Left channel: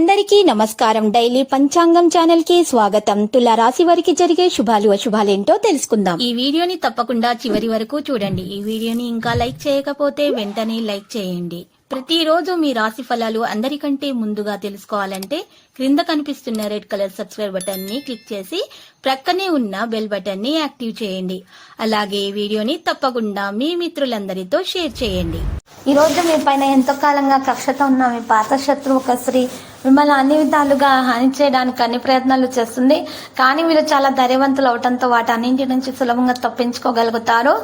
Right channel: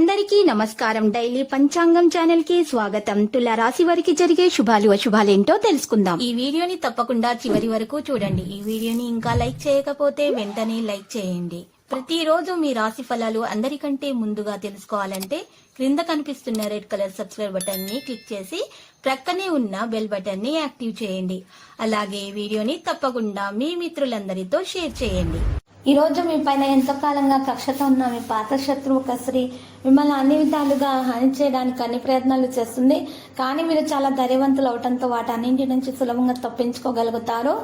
అందరికీ నమస్కారం. డైలీ పంచాంగం ఛానల్కి స్వాగతం. తుల రాశి వారికి జరిగే శుభాలు అశుభాలేంటో తెలుసుకుందాం. ఈ వీడియోని తప్పకుండా చివరి వరకు చూడండి. ఈ వీడియోని ఇంకా లైక్ చేయకపోతే వెంటనే లైక్ చేయండి. ప్రతిరోజు మీ రాశి ఫలాలు అందరికంటే ముందుగా తెలుసుకోవాలంటే క్రింద కనిపిస్తున్న రెడ్ కలర్ సబ్స్క్రైబ్ బటన్ని క్లిక్ చేసి ప్రక్కనే ఉన్న బెల్ బటన్ని యాక్టివ్ చేయండి. అలాగే ఈ వీడియోని తప్పకుండా మీ మిత్రులందరితో షేర్ చేయండి. ఈ రోజు మీ పైన ఎంతో కాలంగా కక్షతో ఉన్న మీ పాత శత్రువు ఒక స్త్రీ మిమ్మల్ని అన్ని విధాలుగా హాని చేయడానికి అన్ని ప్రయత్నాలు చేస్తుంది. కానీ మీరు చాలా ధైర్యవంతులు అవటంతో వాటి అన్నింటి నుంచి సులభంగా తప్పించుకోగలుగుతారు.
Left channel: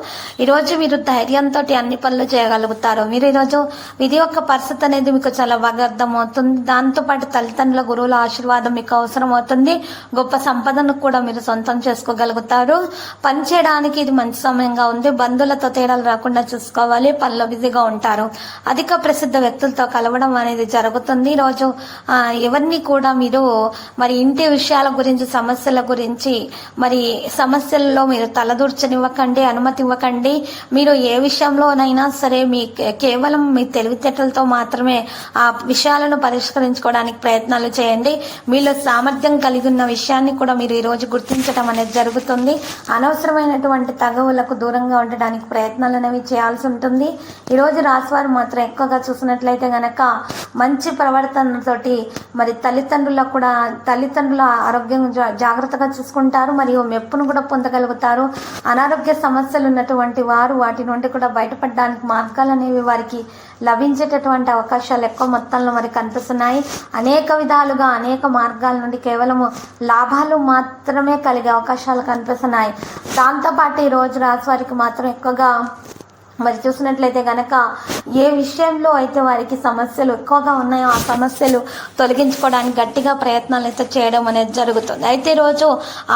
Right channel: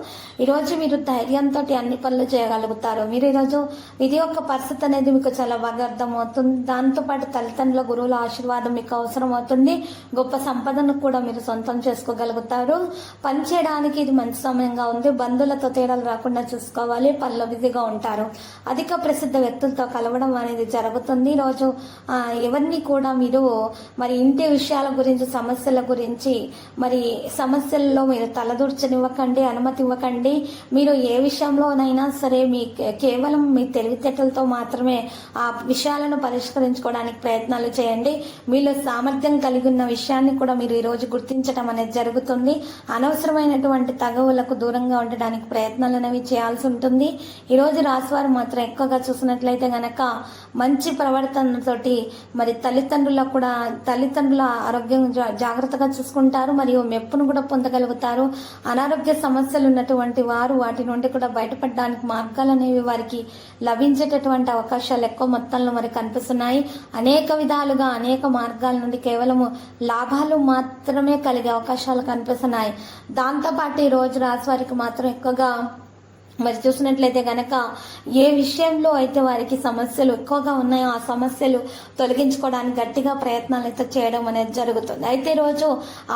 ఈరోజు మీరు ధైర్యంతో అన్ని పనులు చేయగలుగుతారు. మీరు ఈరోజు విధి యొక్క పరిస్థితి అనేది మీకు చాలా బాగా అర్థమవుతుంది దాంతోపాటు తల్లిదండ్రుల గురువుల ఆశీర్వాదం మీకు అవసరం అవుతుంది. గొప్ప సంపదను కూడా మీరు సొంతం చేసుకోగలుగుతారు. పని చేయడానికి ఇది మంచి సమయంగా ఉంది. బంధువులతో తేడాలు రాకుండా చూసుకోవాలి. పనిలో బిజీగా ఉంటారు. అధిక ప్రసిద్ధ వ్యక్తులతో కలవడం అనేది జరుగుతుంది. ఈరోజు రోజు ఎవరిని కూడా మీరు మరి ఇంటి విషయాల గురించి సమస్యల గురించి మరి సమస్యల్లో మీరు తలదూర్చనివ్వకండి అనుమతి ఇవ్వకండి. మీరు ఏ విషయంలోనైనా సరే మీ కేవలం మీ తెలివితేటలతో మాత్రమే ఆ విషయాలను పరిష్కరించుకోవడానికి ప్రయత్నాలు చేయండి. మీలో సామర్థ్యం కలిగి ఉన్న విషయాన్ని కూడా మీరు ఈ రోజు గుర్తించడం అనేది జరుగుతుంది. అనవసరమైనటువంటి తగవులకు దూరంగా ఉండడానికి ప్రయత్నాలు అనేవి చేయాల్సి ఉంటుంది. ఈ రోజు రాశివారు మాత్రం ఎక్కువగా చూసినట్లయితే గనక మంచి ప్రవర్తనతోటి మరి తల్లిదండ్రులకు కూడా తల్లిదండ్రుల ఆరోగ్యం జాగ్రత్తగా చూసుకుంటారు. మరియు మెప్పును కూడా పొందగలుగుతారు. అనారోగ్య సమస్యలు ఉన్నటువంటి వారు వాటి నుండి కూడా బయటపడడానికి మార్గాలు అనేవి వారికి లభించేటటువంటి అవకాశాలు ఎక్కువ మొత్తంలో మరి కనిపిస్తున్నాయి. అనేక విధాలుగా అనేక మార్గాల నుండి కేవలము లాభాలు మాత్రమే కలిగే అవకాశాలు కనిపిస్తున్నాయి. దాంతోపాటు ఈ రోజు రాశి వారికి మాత్రం ఎక్కువగా మరి చూసినట్లయితే కనుక ఏ విషయంలో అయితే వారికి సమస్యలు ఎక్కువగా ఉన్నాయో ఆ సమస్యలు తొలగించుకోవడానికి గట్టిగా ప్రయత్నాలు అయితే చేయడం అనేది జరుగుతుంది. అయితే రోజు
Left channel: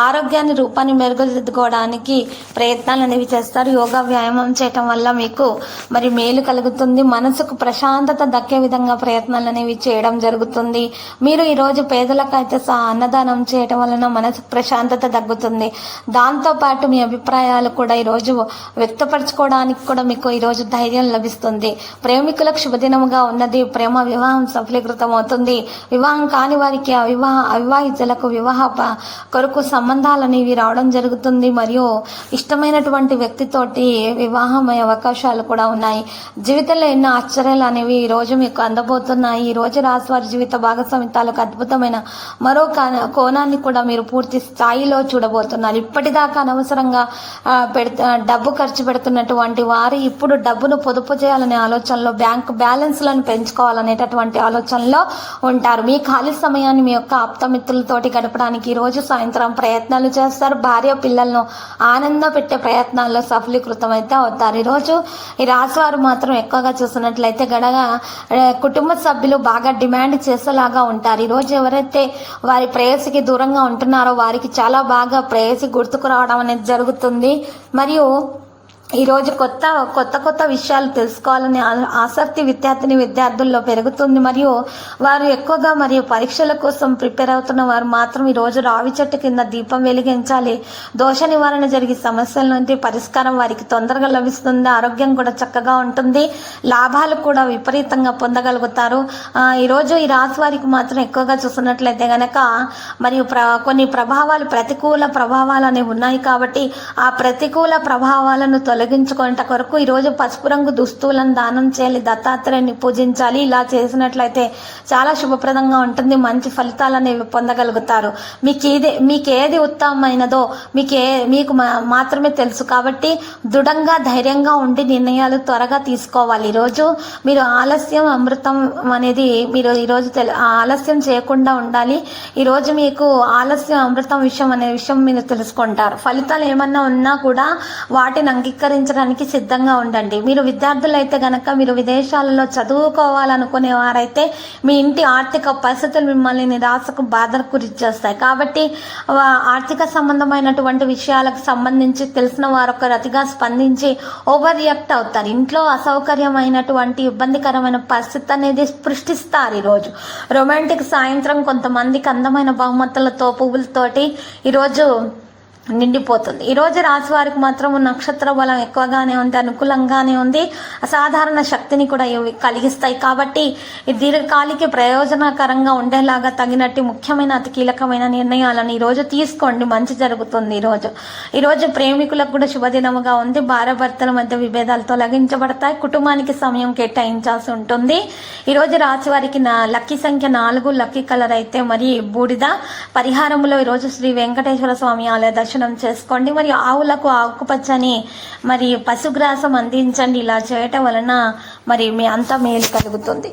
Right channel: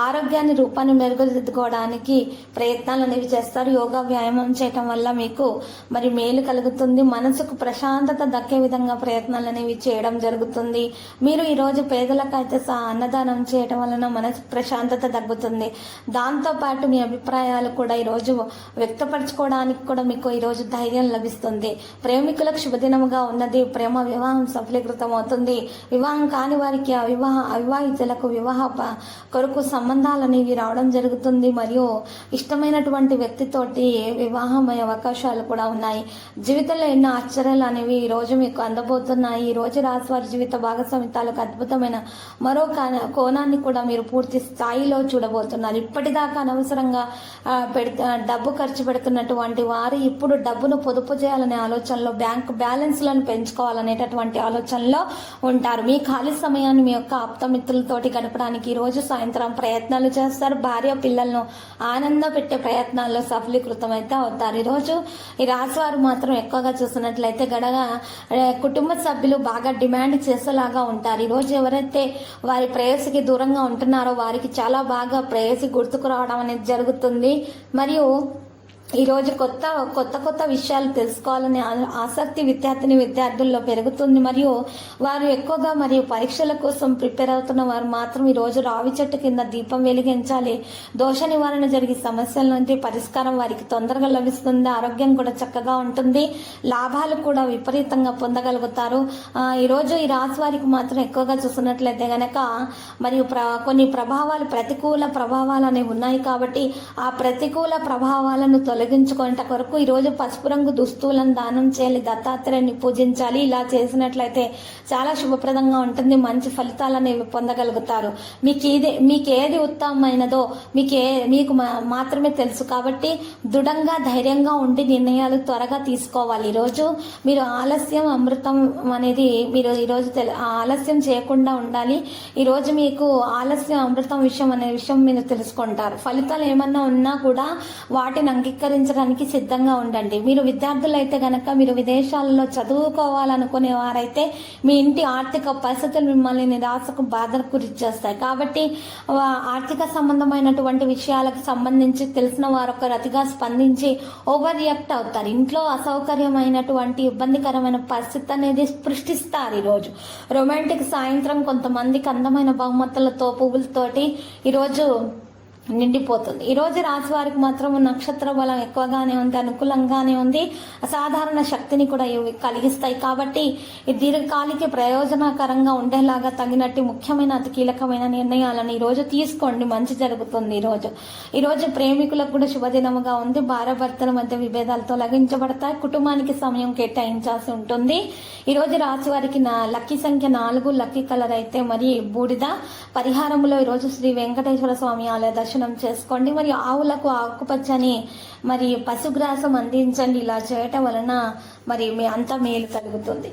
ఆరోగ్యాన్ని రూపాన్ని మెరుగుదిద్దుకోవడానికి ప్రయత్నాలు అనేవి చేస్తారు. యోగా వ్యాయామం చేయటం వల్ల మీకు మరి మేలు కలుగుతుంది. మనసుకు ప్రశాంతత దక్కే విధంగా ప్రయత్నాలు అనేవి చేయడం జరుగుతుంది. మీరు ఈరోజు పేదలకైతే సా అన్నదానం చేయటం వలన మనసుకు ప్రశాంతత తగ్గుతుంది. దాంతోపాటు మీ అభిప్రాయాలు కూడా ఈరోజు వ్యక్తపరచుకోవడానికి కూడా మీకు ఈరోజు ధైర్యం లభిస్తుంది. ప్రేమికులకు శుభదినముగా ఉన్నది. ప్రేమ వివాహం సఫలీకృతం అవుతుంది వివాహం కాని వారికి అవివాహ అవివాహితులకు వివాహ కొరకు సంబంధాలు అనేవి రావడం జరుగుతుంది. మరియు ఇష్టమైనటువంటి వ్యక్తితోటి వివాహమయ్యే అవకాశాలు కూడా ఉన్నాయి. జీవితంలో ఎన్నో ఆశ్చర్యాలు అనేవి ఈ రోజు మీకు అందబోతున్నాయి. ఈ రోజు రాశి వారి జీవిత భాగస్వామితాలకు అద్భుతమైన మరో కోణాన్ని కూడా మీరు పూర్తి స్థాయిలో చూడబోతున్నారు. ఇప్పటిదాకా అనవసరంగా పెడుతు డబ్బు ఖర్చు పెడుతున్నటువంటి వారి ఇప్పుడు డబ్బును పొదుపు చేయాలనే ఆలోచనలో బ్యాంక్ బ్యాలెన్స్లను పెంచుకోవాలనేటటువంటి ఆలోచనలో ఉంటారు. మీ ఖాళీ సమయాన్ని మీ యొక్క ఆప్తమిత్రులతోటి గడపడానికి ఈ రోజు సాయంత్రం ప్రయత్నాలు చేస్తారు. భార్య పిల్లలను ఆనంద పెట్టే ప్రయత్నాల్లో సఫలీకృతం అయితే అవుతారు ఈరోజు ఈ రాశివారు మాత్రం ఎక్కువగా చూసినట్లయితే గడగా కుటుంబ సభ్యులు బాగా డిమాండ్ చేసేలాగా ఉంటారు. ఈరోజు ఎవరైతే వారి ప్రేయసికి దూరంగా ఉంటున్నారో వారికి చాలా బాగా ప్రేయసి గుర్తుకు రావడం అనేది జరుగుతుంది. మరియు ఈరోజు కొత్త కొత్త కొత్త విషయాలు తెలుసుకోవాలనే ఆ- ఆసక్తి విద్యార్థిని విద్యార్థుల్లో పెరుగుతుంది. మరియు వారు ఎక్కువగా మరియు పరీక్షల కోసం ప్రిపేర్ అవుతున్న వారు మాత్రం ఈ రోజు రావి చెట్టు కింద దీపం వెలిగించాలి. దోష నివారణ జరిగే సమస్యల నుండి పరిష్కారం వారికి తొందరగా లభిస్తుంది ఆరోగ్యం కూడా చక్కగా ఉంటుంది. లాభాలు కూడా విపరీతంగా పొందగలుగుతారు. ఈరోజు ఈ రాశి వారికి మాత్రం ఎక్కువగా చూస్తున్నట్లయితే గనక మరియు ప్ర కొన్ని ప్రభావాలు ప్రతికూల ప్రభావాలు అనేవి ఉన్నాయి కాబట్టి ఆ ప్రతికూల ప్రభావాలను తొలగించుకునేట కొరకు ఈరోజు పసుపు రంగు దుస్తువులను దానం చేయాలి దత్తాత్రేయుని పూజించాలి. ఇలా చేసినట్లయితే చాలా శుభప్రదంగా ఉంటుంది మంచి ఫలితాలు అనేవి పొందగలుగుతారు. మీకు ఏది మీకు ఏది ఉత్తమమైనదో మీకు ఏ మీకు మాత్రమే తెలుసు కాబట్టి దృఢంగా ధైర్యంగా ఉండి నిర్ణయాలు త్వరగా తీసుకోవాలి. ఈరోజు మీరు ఆలస్యం అమృతం అనేది మీరు ఈరోజు తెలు ఆలస్యం చేయకుండా ఉండాలి. ఈరోజు మీకు ఆలస్యం అమృతం విషయం అనే విషయం మీరు తెలుసుకుంటారు. ఫలితాలు ఏమన్నా ఉన్నా కూడా వాటిని అంగీకరించడానికి సిద్ధంగా ఉండండి. మీరు విద్యార్థులు అయితే గనక మీరు విదేశాలలో చదువుకోవాలనుకునే వారైతే మీ ఇంటి ఆర్థిక పరిస్థితులు మిమ్మల్ని నిరాశకు బాధకు గురి చేస్తాయి కాబట్టి ఆర్థిక సంబంధమైనటువంటి విషయాలకు సంబంధించి తెలిసిన వారొకరు అతిగా రతిగా స్పందించి ఓవర్ రియాక్ట్ అవుతారు. ఇంట్లో అసౌకర్యమైనటువంటి ఇబ్బందికరమైన పరిస్థితి అనేది సృష్టిస్తారు ఈరోజు. రొమాంటిక్ సాయంత్రం కొంతమందికి అందమైన బహుమతులతో పువ్వులతోటి ఈరోజు నిండిపోతుంది. ఈ రోజు రాశి వారికి మాత్రం నక్షత్ర బలం ఎక్కువగానే ఉంది అనుకూలంగానే ఉంది. అసాధారణ శక్తిని కూడా ఇవి కలిగిస్తాయి. కాబట్టి ఈ దీర్ఘకాలిక ప్రయోజనకరంగా ఉండేలాగా తగినట్టు ముఖ్యమైన అతి కీలకమైన నిర్ణయాలను ఈ రోజు తీసుకోండి. మంచి జరుగుతుంది ఈ రోజు. ఈ రోజు ప్రేమికులకు కూడా శుభదినముగా ఉంది. భార్యాభర్తల మధ్య విభేదాలు తొలగించబడతాయి కుటుంబానికి సమయం కేటాయించాల్సి ఉంటుంది. ఈ రోజు రాశి వారికి నా లక్కీ సంఖ్య నాలుగు లక్కీ కలర్ అయితే మరి బూడిద. పరిహారంలో ఈ రోజు శ్రీ వెంకటేశ్వర స్వామి ఆలయ దర్శనం చేసుకోండి. మరియు ఆవులకు ఆకుపచ్చని మరి పశుగ్రాసం అందించండి. ఇలా చేయటం వలన మరి మీ అంతా మేలు కలుగుతుంది.